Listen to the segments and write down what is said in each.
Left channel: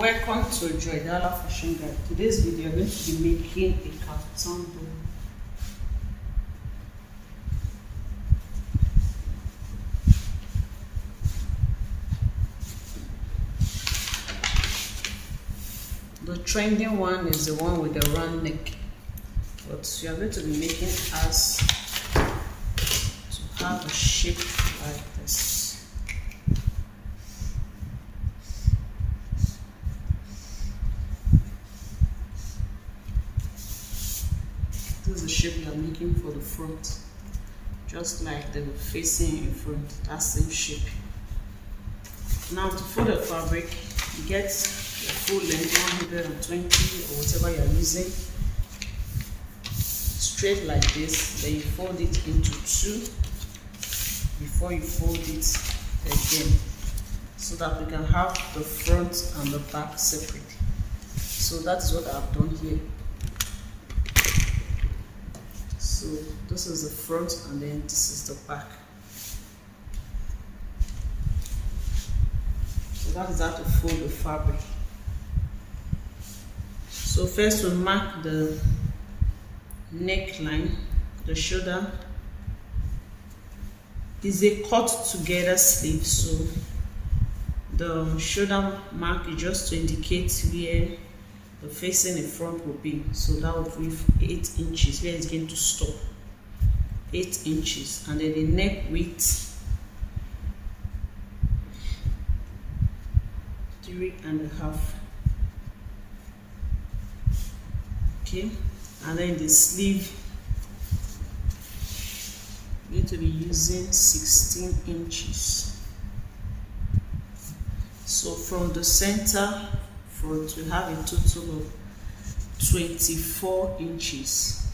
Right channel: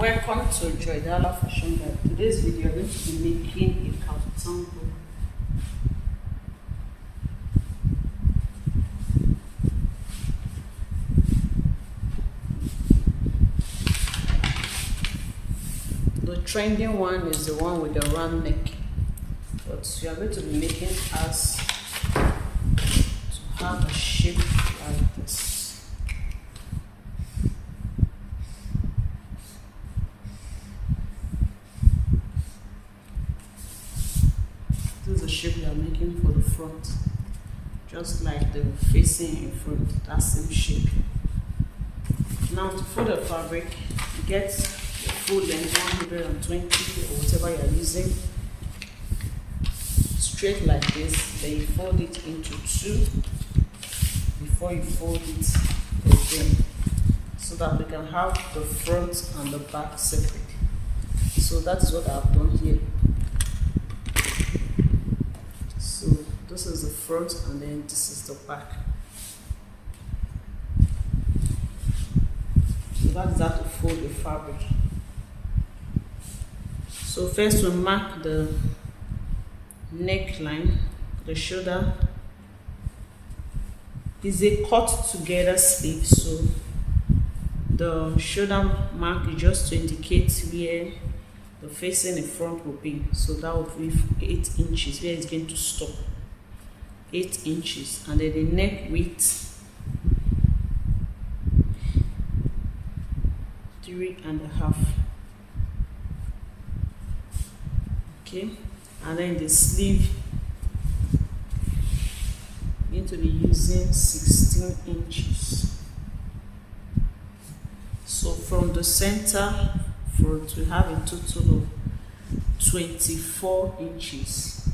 Welcome to Joydala Fashion Guide. Today's video I'm going to be making a kaftan book. The trending one is the one with the round neck, but you are going to be making us to have a shape like this. This is the shape you are making for the front, just like the facing in front, that same shape. Now to fold the fabric, you get the full length 120 or whatever you are using, straight like this. Then you fold it into two before you fold it again, so that we can have the front and the back separate. So that is what I have done here. So this is the front and then this is the back. So that is how to fold the fabric. So first we mark the neckline, the shoulder. Is a cut together sleeve, so the shoulder mark is just to indicate where the facing in front will be. So that will be 8 inches where it's going to stop, 8 inches, and then the neck width 3.5. Okay, and then the sleeve going to be using 16 inches. So from the center front we have a total of 24 inches.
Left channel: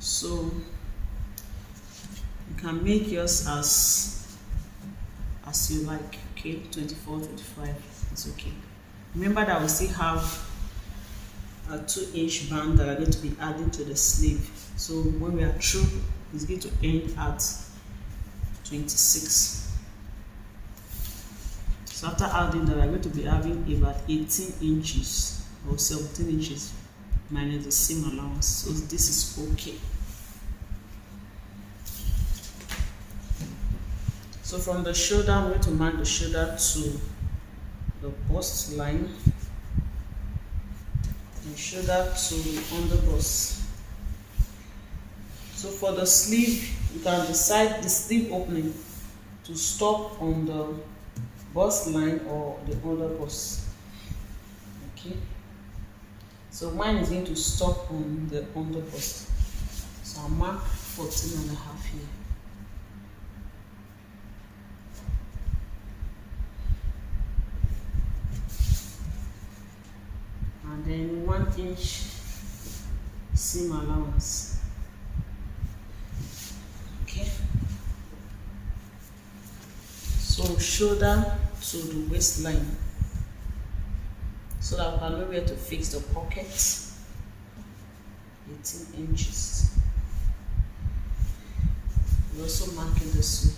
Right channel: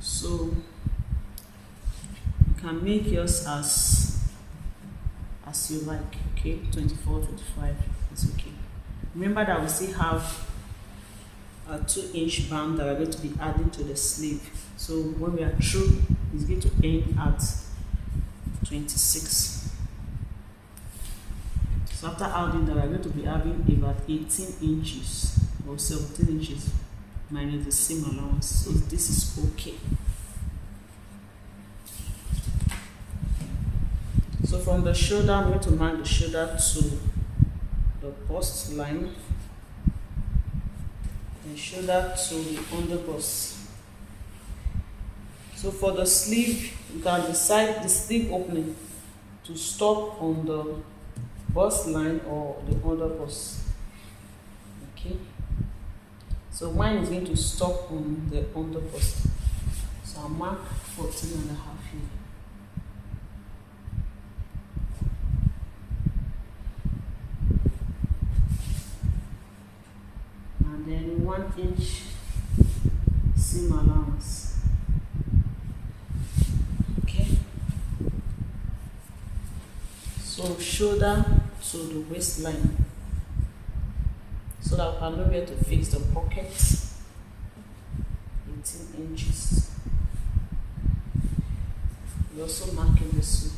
So you can make yours as you like. Okay, 24, 25, it's okay. Remember that we still have a 2-inch band that we're going to be adding to the sleeve. So when we are through, it's going to end at 26. So after adding that, we're going to be having about 18 inches or 17 inches minus the seam allowance. So this is okay. So from the shoulder, I'm going to mark the shoulder to the bust line, and shoulder to the underbust. So for the sleeve, you can decide the sleeve opening to stop on the bust line or the underbust. Okay, so mine is going to stop on the underbust, so I'll mark 14.5 here. And then 1 inch seam allowance. Okay, so shoulder to the waistline, so that we can know where to fix the pockets. 18 inches. We're also marking this way.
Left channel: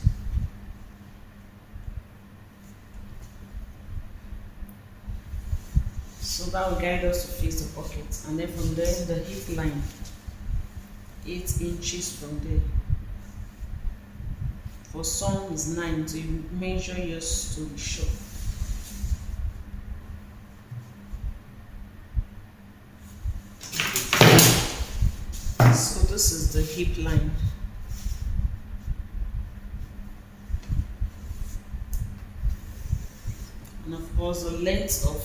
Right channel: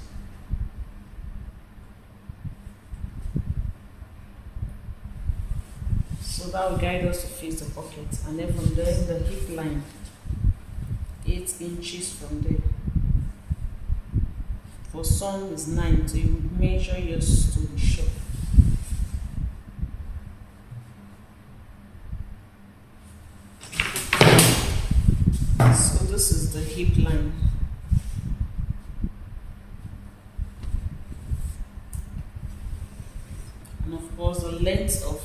So that will guide us to fix the pockets, and then from there the hip line 8 inches from there. For some is 9, so you measure yours to be sure. So this is the hip line. And of course the length of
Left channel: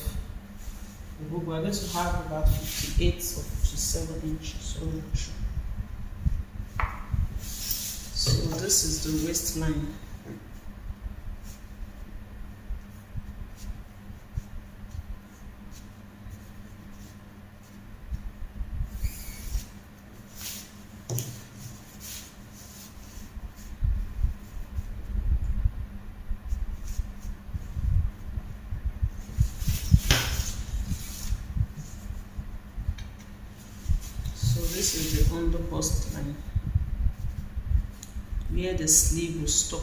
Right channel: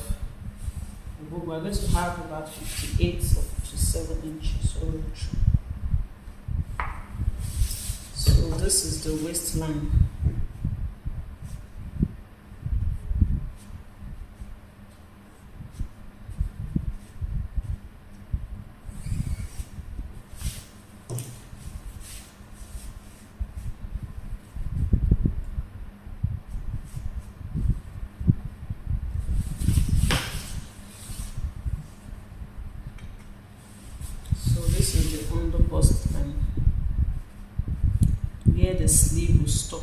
the book, we're going to have about 58 or 57 inches. So this is the waistline. This is the underbust line where the sleeve will stop.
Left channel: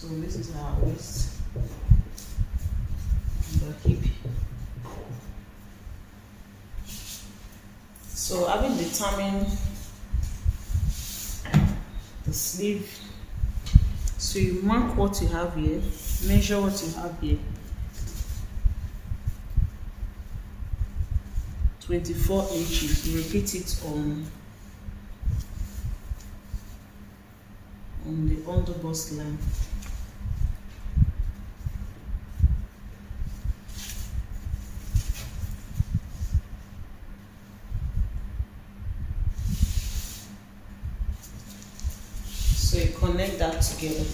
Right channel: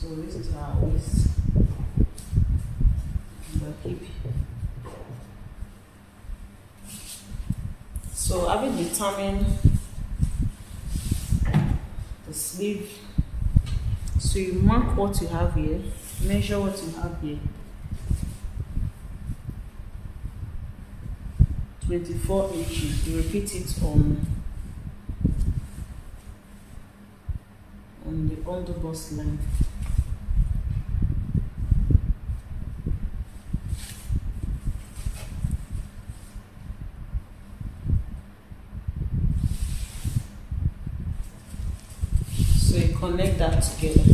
So this is our waist and the hip. So having determined the sleeve, so you mark what you have here, measure what you have here, 24 inches. You repeat it on the underbust line. So you connect that together.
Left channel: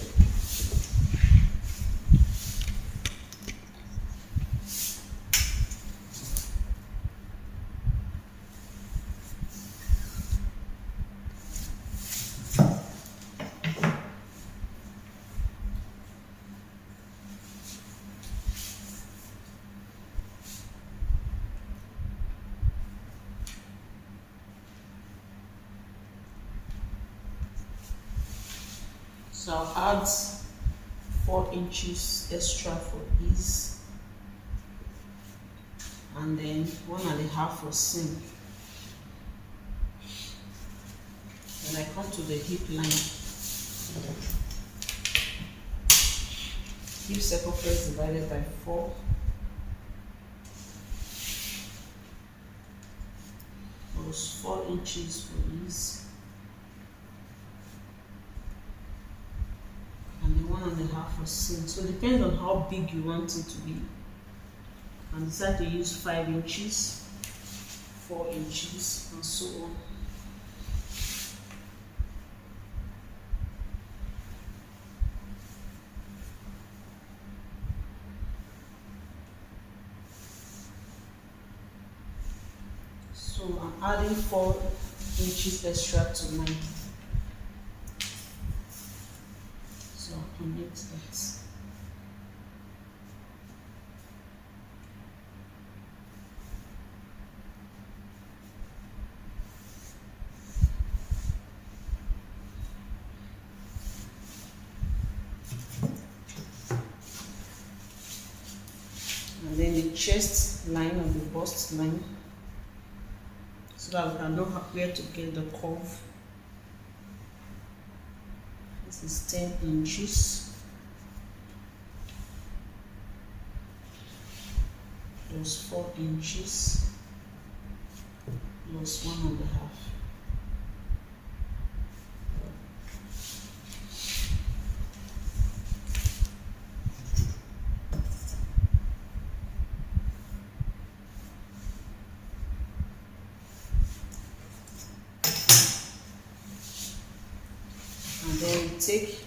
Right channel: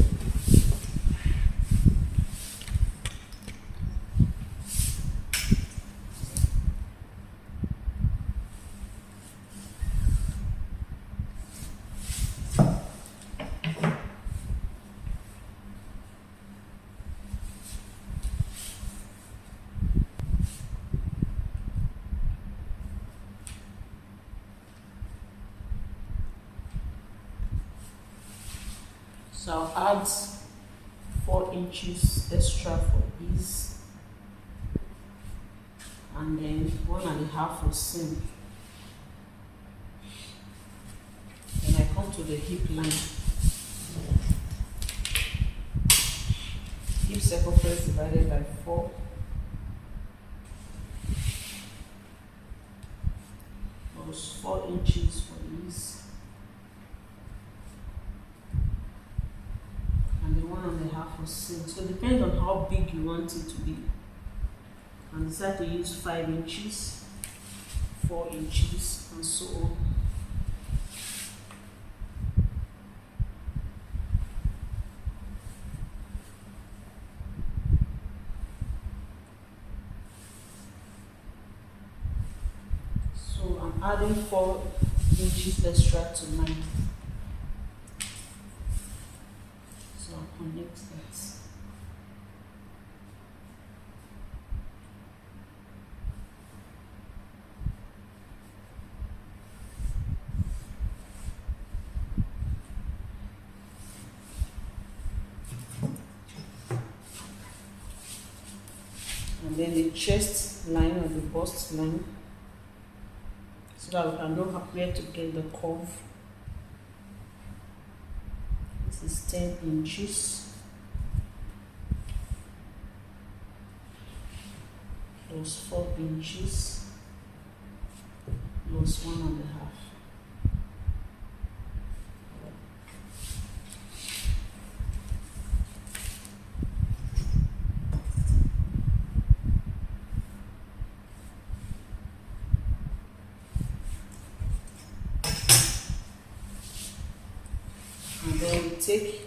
So I'll add 4 inches extra for this, and then 1.5 for seam. Then I come to the hip line. Hip circumference divided by 4. Plus 4 inches for this. And then 1.5 for seam. So depending on how big you want it to be, you can decide to use 5 inches, 4 inches, and so on. So I'm adding 4 inches extra to mine. So I'll connect that. And then the chest line or the bust line, so that we can know where to get the curve. This is 10 inches plus 4 inches plus 1.5. And then we take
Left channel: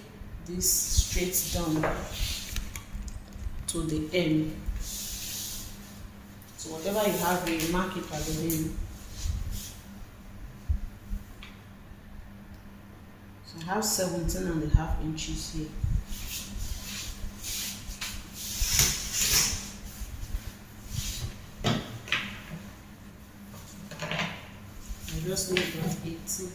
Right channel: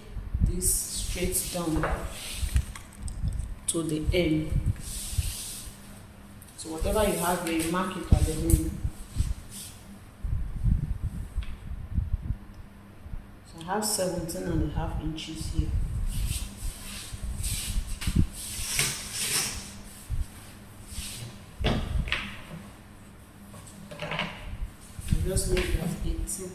this straight down to the end. So whatever you have here, you mark it at the end. So I have 17.5 inches here. I just make that 18.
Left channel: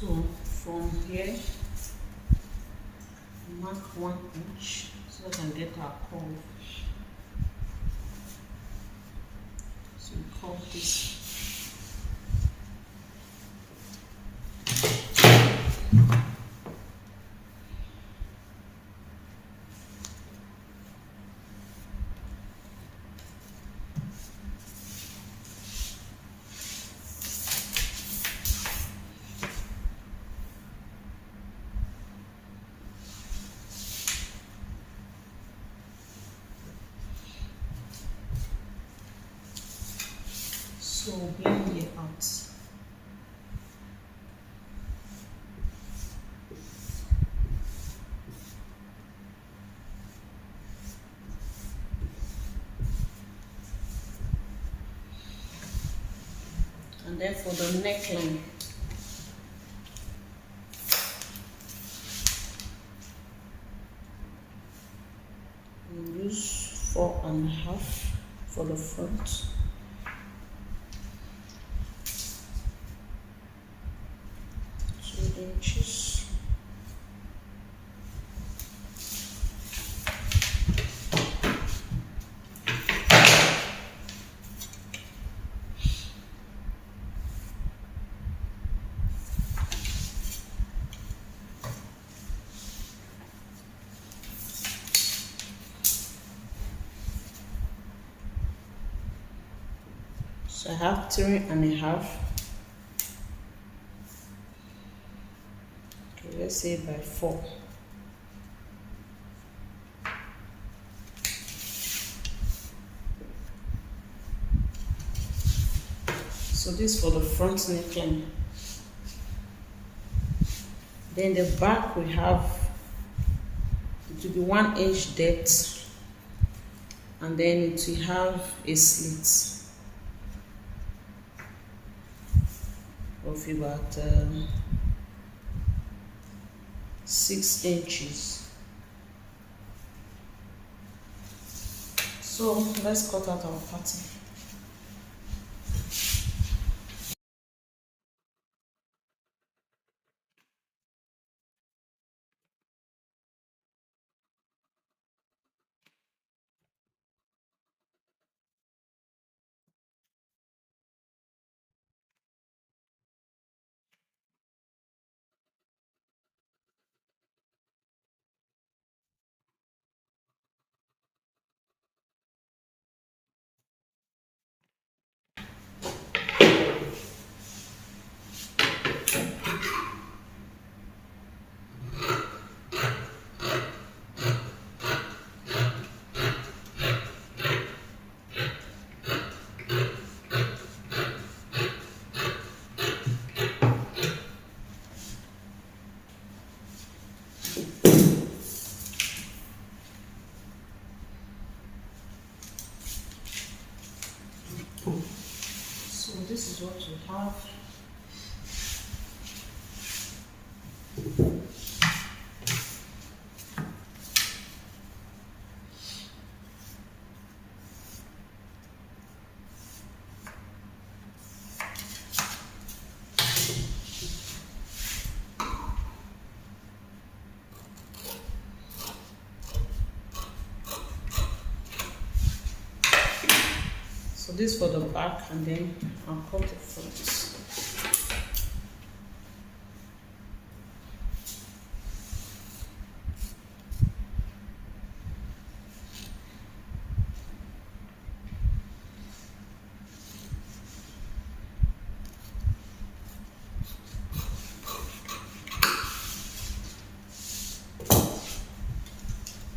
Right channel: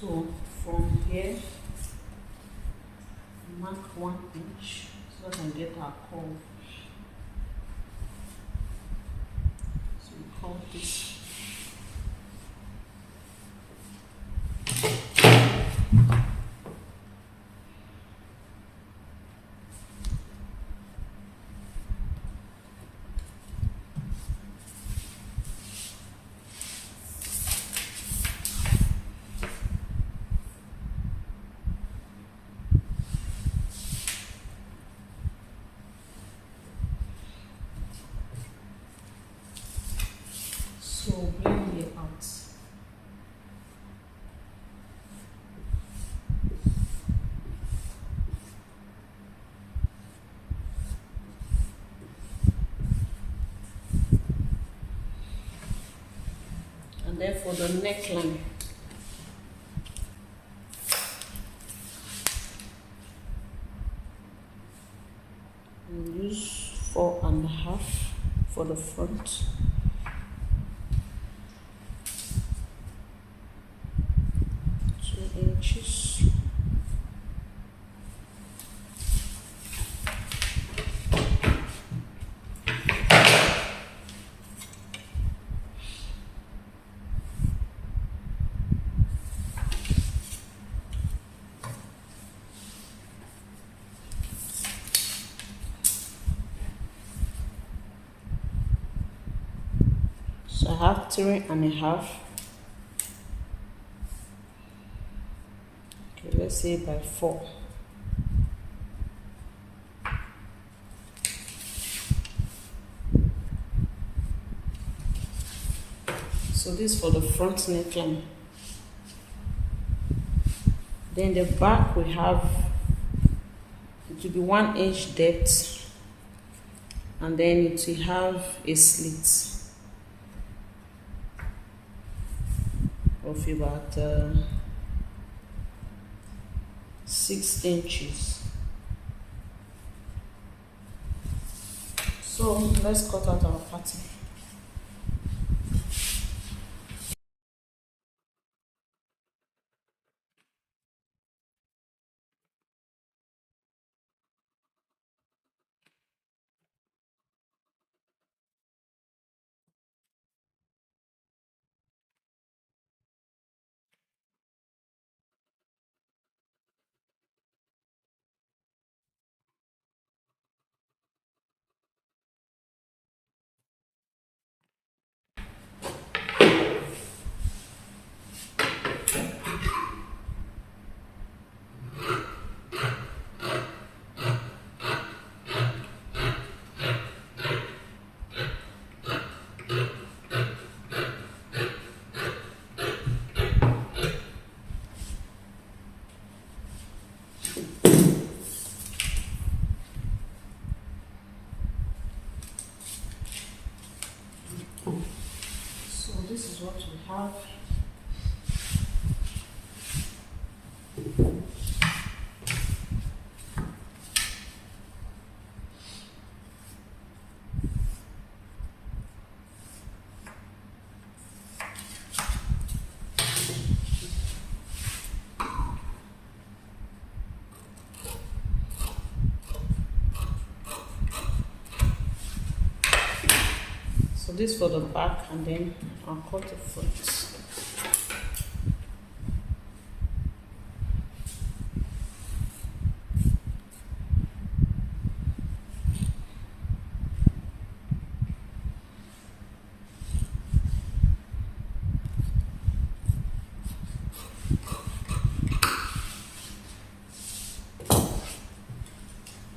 So from here, mark 1 inch so that I can get our curve. So we curve this. So blend it out. And then for the neckline, we'll use 4.5 for the front. 2 inches. So I have 3.5. Okay, let's say by 4. So this for the front neckline. Then the back we have, it will be 1 inch depth, and then it will have a slit of about 6 inches. So let's cut out our pattern. So this is what we have. So this for the back, and then I'll cut the front.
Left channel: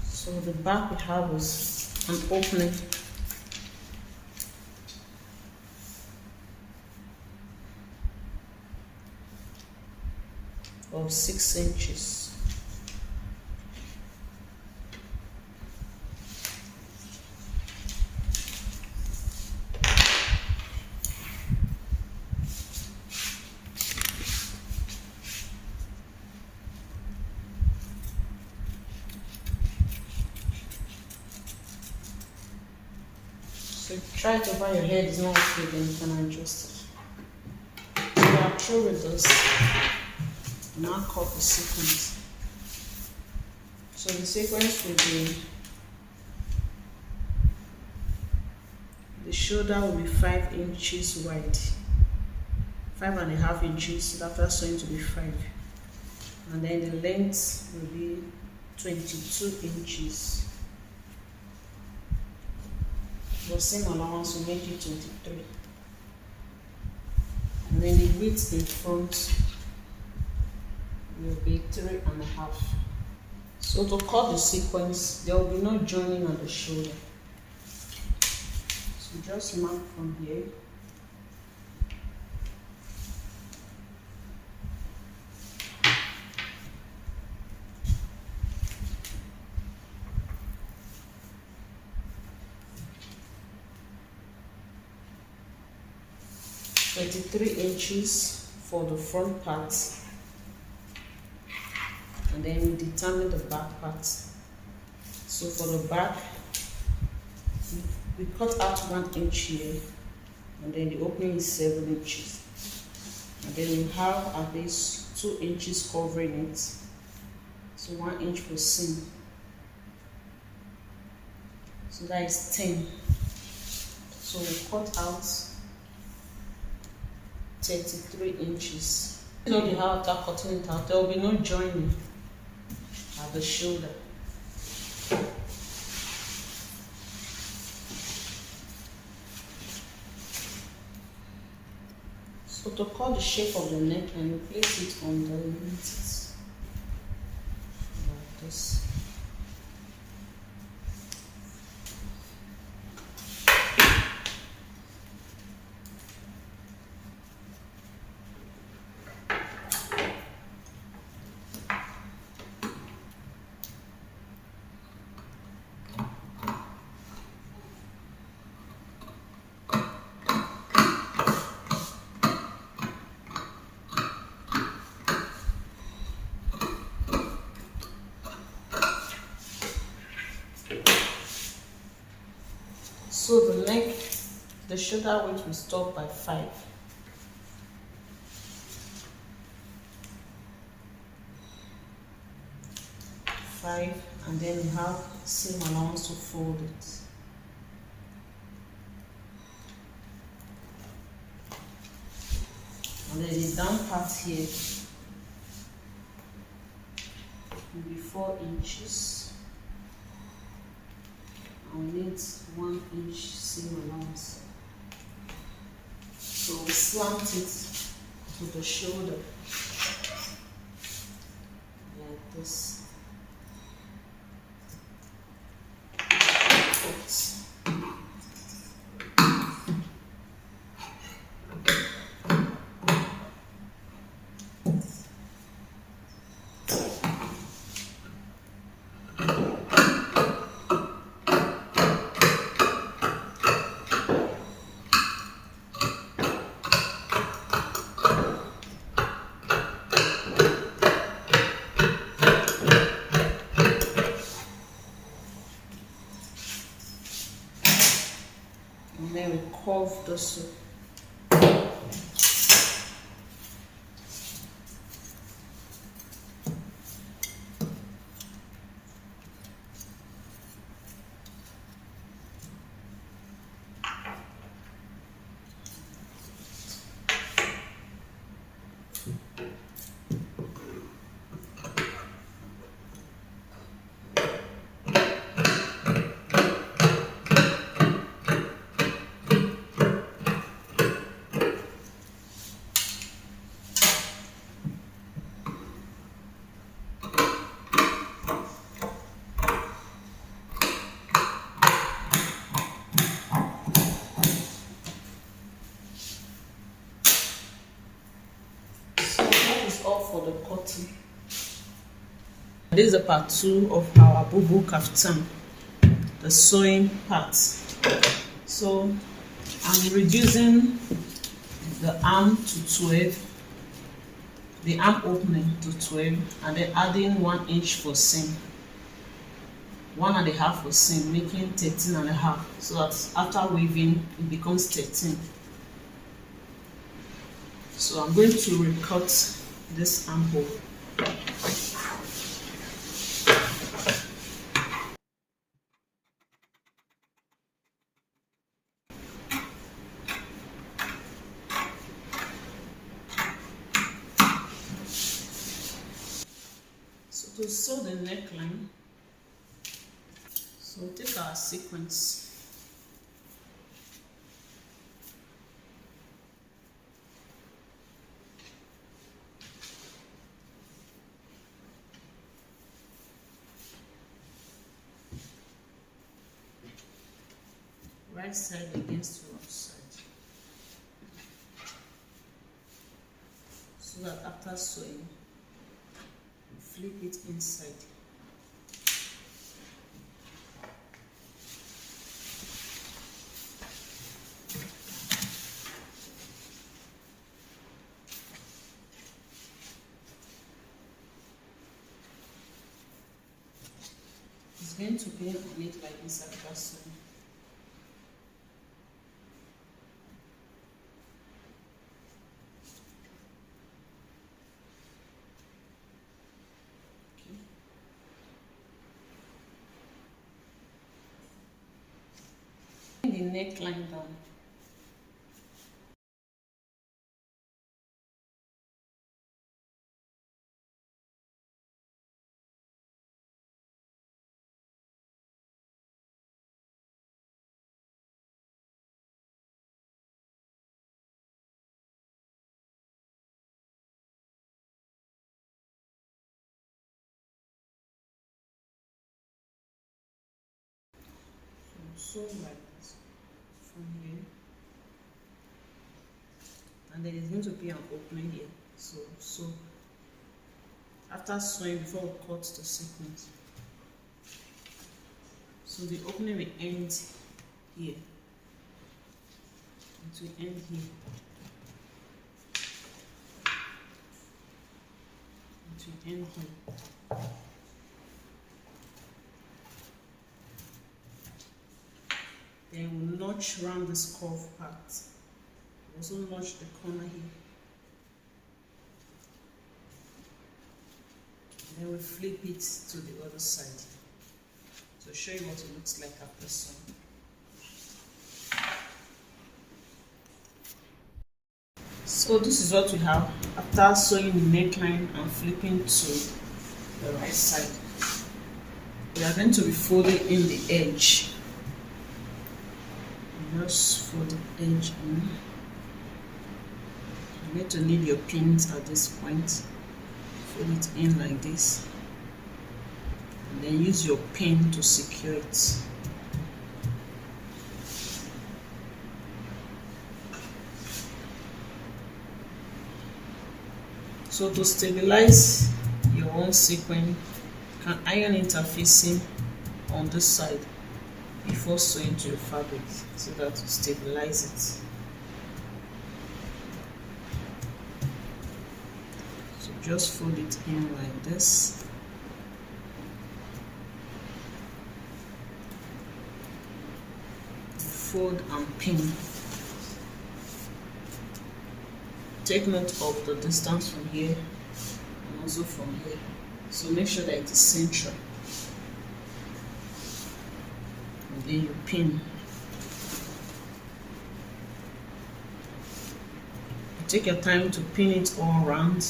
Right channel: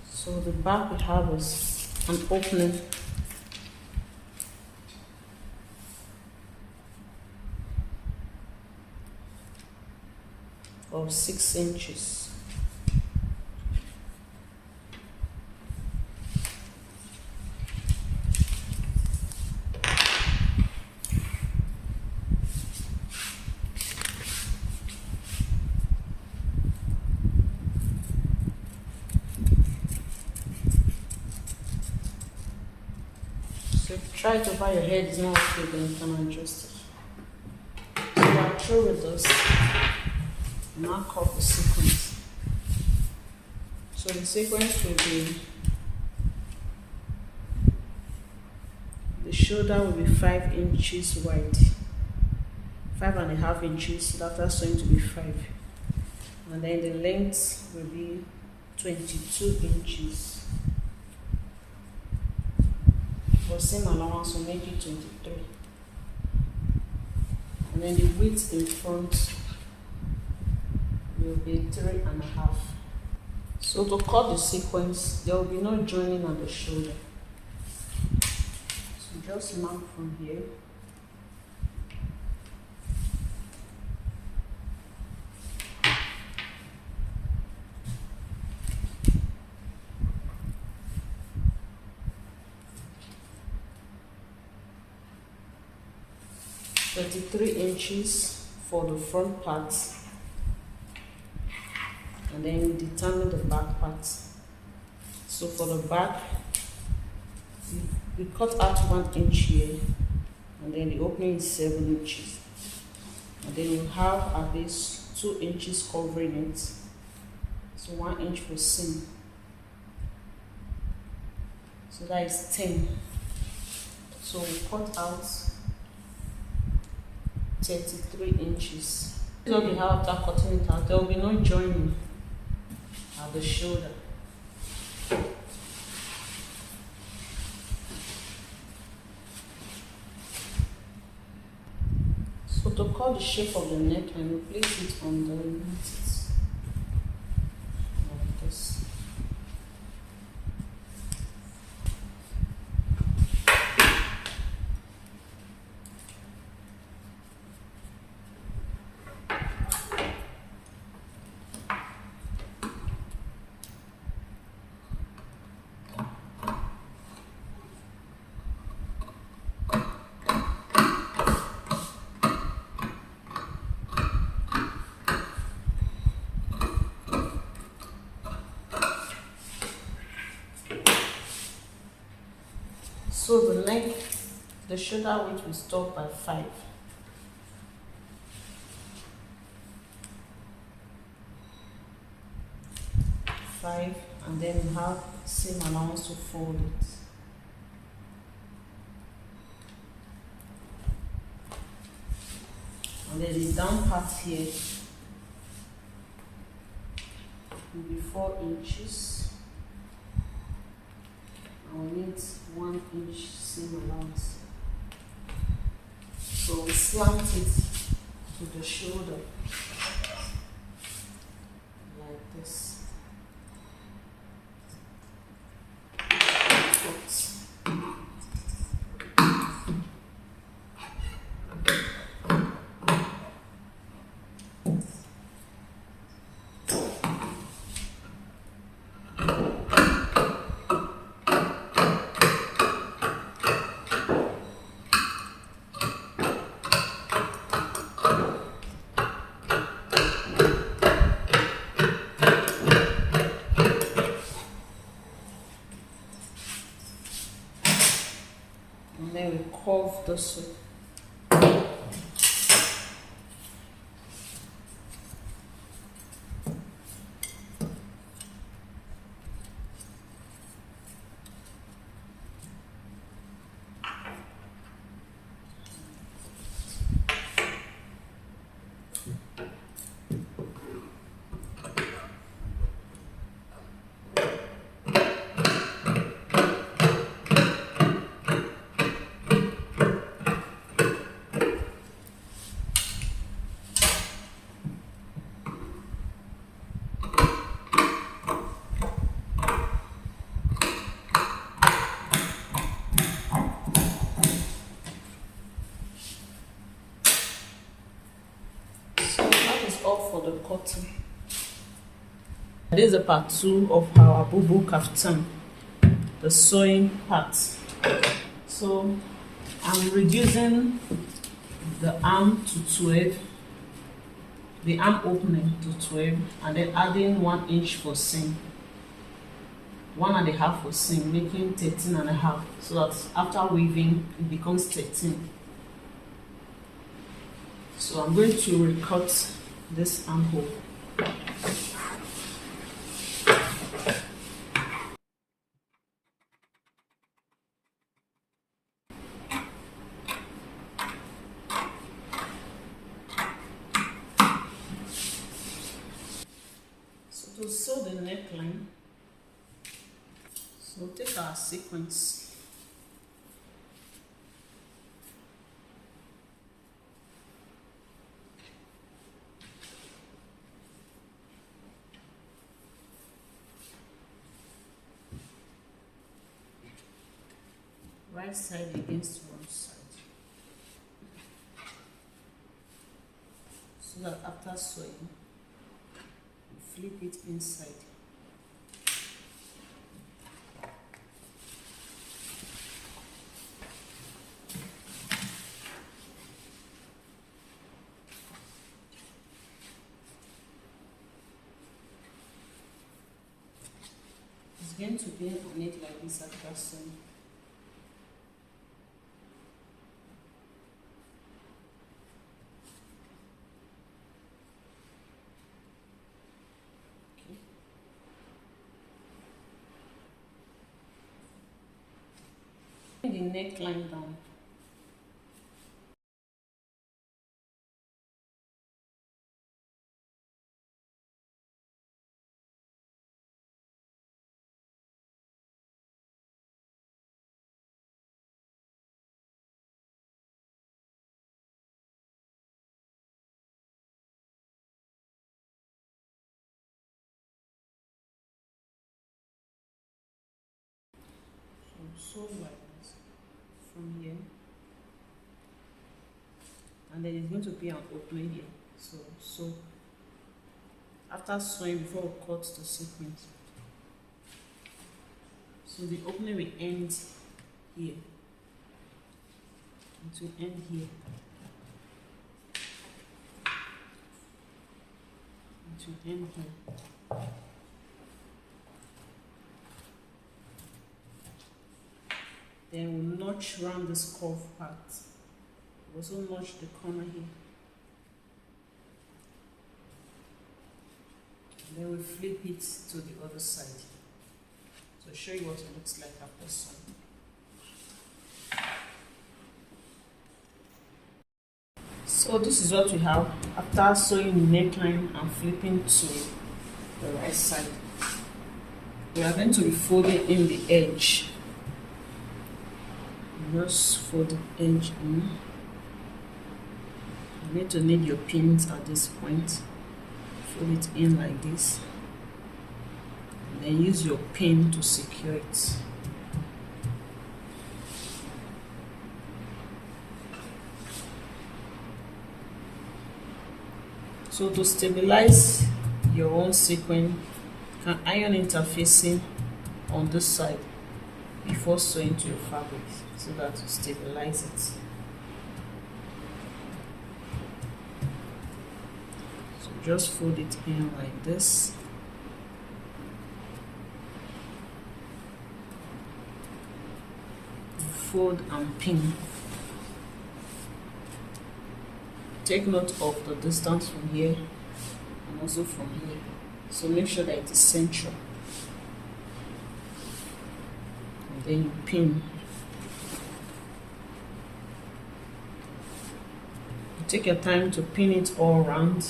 So the back we have is an opening of 6 inches. So try to buy your head is not okay, then you can adjust it. So I'll throw with this. Now cut the sequence. So the sequence will be, the shoulder will be 5 inches wide, 5.5 inches. So that's going to be 5, and then the length will be 22 inches. The same allowance will make it 23, and then the width in front will be 3.5. So to cut the sequence, there will be no joining at the shoulder. So just mark from here 23 inches for the front part, and then we determine the back part. So for the back, we cut out 1 inch here, and then the opening is 7 inches, and then we have at least 2 inches covering it, so 1 inch per seam, so that is 10. So we cut out 33 inches. This is what we have after cutting it out. There will be no joining at the shoulder. So to cut the shape of the neckline, we place it on the knits like this. So the neck, the shoulder width will stop by 5. And then we have seam allowance to fold it. And then the down part here will be 4 inches. I'll need 1 inch seam allowance. So we slant it to the shoulder like this. And then we curve the seam. All for the cutting. This is the part 2 of our bubu kaftan, the sewing part. So I'm reducing the arm to 12, the arm opening to 12, and then adding 1 inch for seam, 1.5 for seam, making 13.5, so that after weaving it becomes 13. So I'm going to recut this armhole. So to sew the neckline, so take our sequence. Right side against wrong side, so that after sewing, flip it inside. It's going to be on it like this after sewing. The neckline down. So sew like this from here, and then it's going to be an opening here. So after sewing, before we cut the sequence, so the opening will end here. It will end here. It will end here. Then we'll notch around this curved part. We'll also notch the corner here. Then we flip it to the other side. So show you what it looks like after sewing. So this is what we have after sewing the neckline and flipping to the right side. We are going to be folding in the edge. Just fold the edge in. You need to need your pins at this point. Fold it in like this, and then use your pin to secure it. So to stabilize your own sequin, you can iron interfacing on this side before sewing to your fabric so that you stabilize it. So just fold it in like this. Fold and pin. Take note of the distance from here and also from here. So make sure that it is central. And then you pin. You take your time to pin it all around,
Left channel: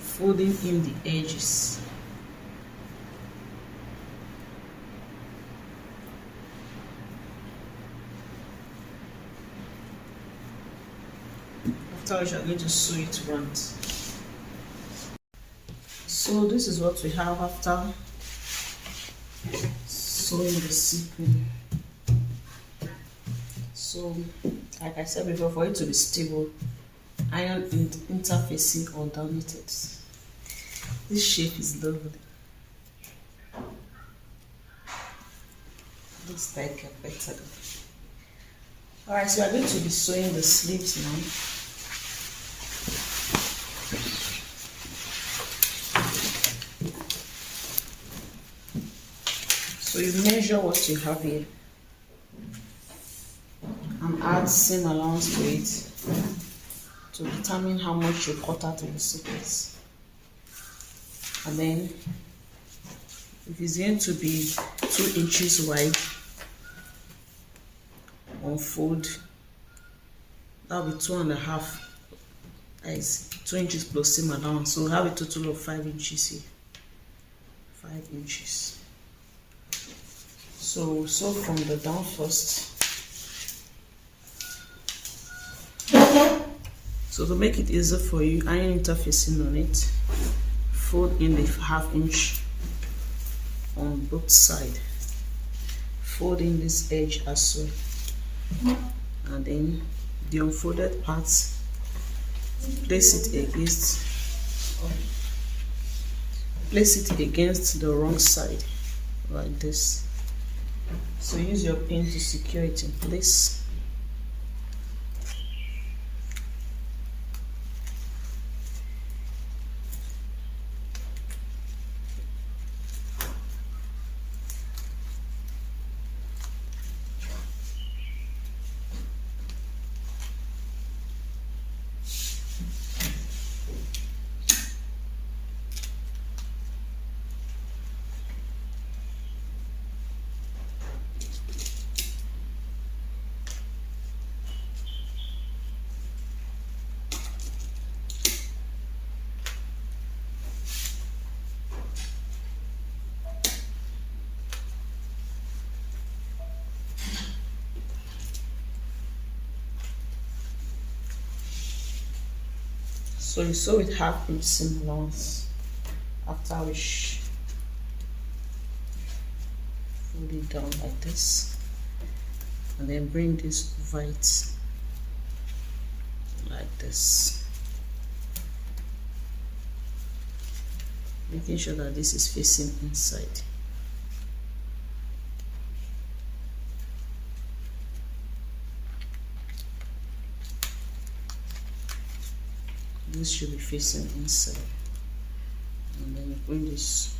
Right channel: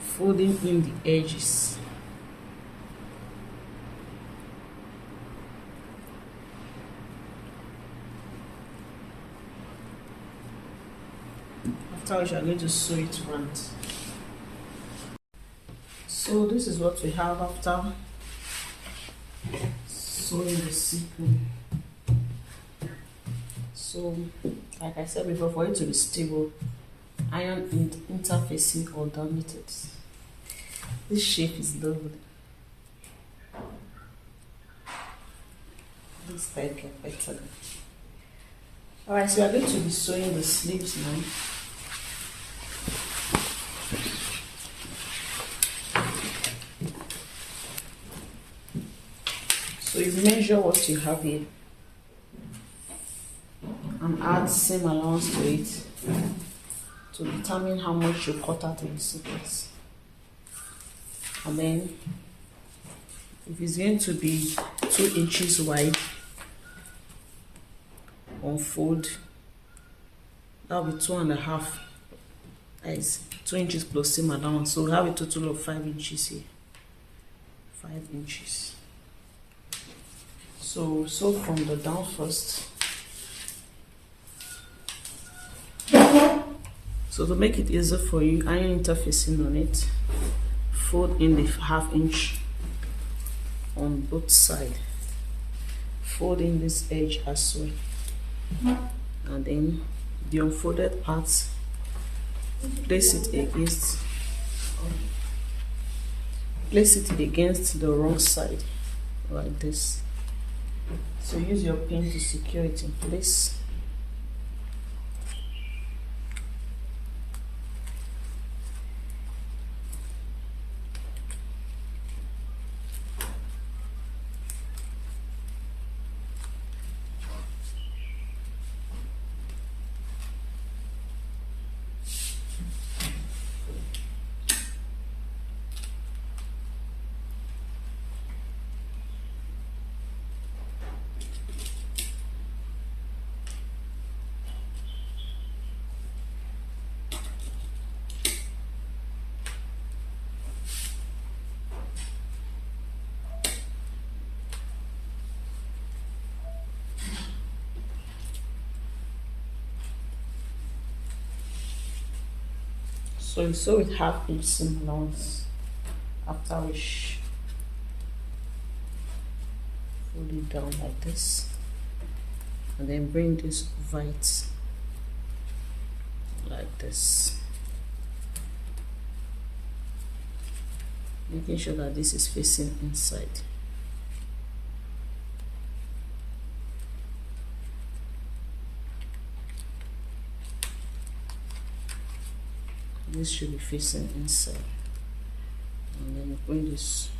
folding in the edges. Afterwards, you are going to sew it round. So this is what we have after sewing the sequin. So like I said before, for it to be stable, iron interfacing underneath it. This shape is lovely. This type get better. Alright, so we are going to be sewing the sleeves now. So you measure what you have here and add seam allowance to it to determine how much you cut out of the sequence. And then if it's going to be 2 inches wide, unfold, that'll be 2.5. That is 2 inches plus seam allowance. So we have a total of 5 inches here. 5 inches. So sew from the down first. So to make it easier for you, iron interfacing on it, fold in the 1/2 inch on both sides. Fold in this edge as well, and then the unfolded parts, place it against the wrong side like this. So use your pin to secure it in place. So you sew it half inch seam allowance, after which fold it down like this, and then bring this over it like this, making sure that this is facing inside. This should be facing inside, and then you bring this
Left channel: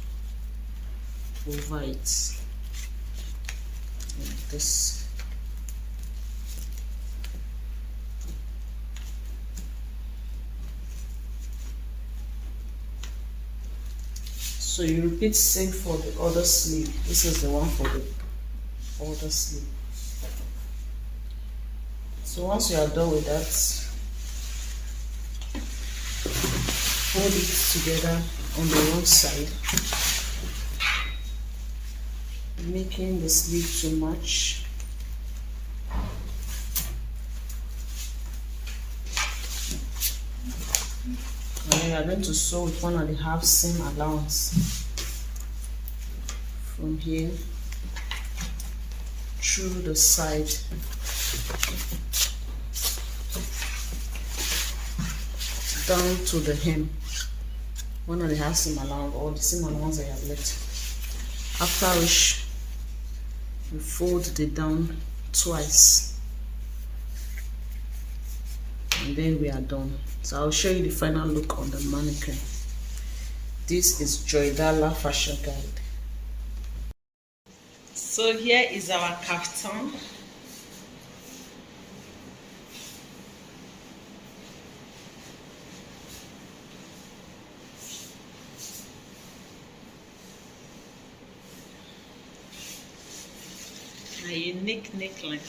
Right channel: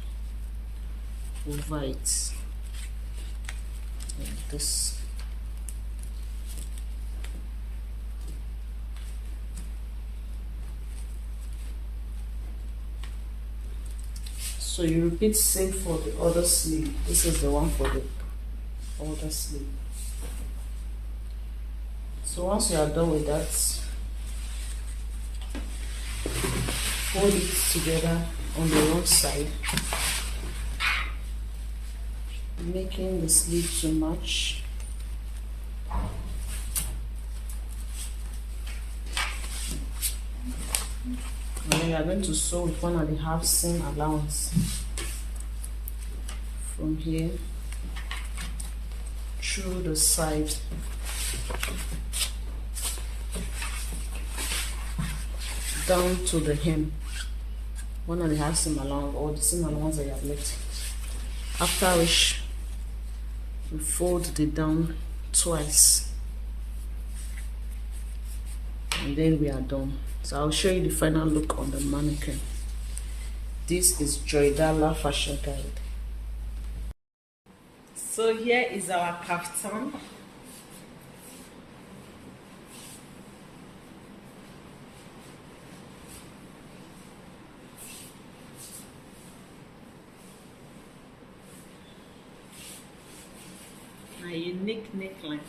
over it like this. So you repeat same for the other sleeve. This is the one for the other sleeve. So once you are done with that, fold it together on the wrong side, making the sleeve to match. And then you are going to sew with 1.5 seam allowance from here through the side down to the hem. 1.5 seam allowance, or the seam allowance I have left. After which you fold the down twice, and then we are done. So I'll show you the final look on the mannequin. This is Joydala Fashion Guide. So here is our kaftan. A unique neckline.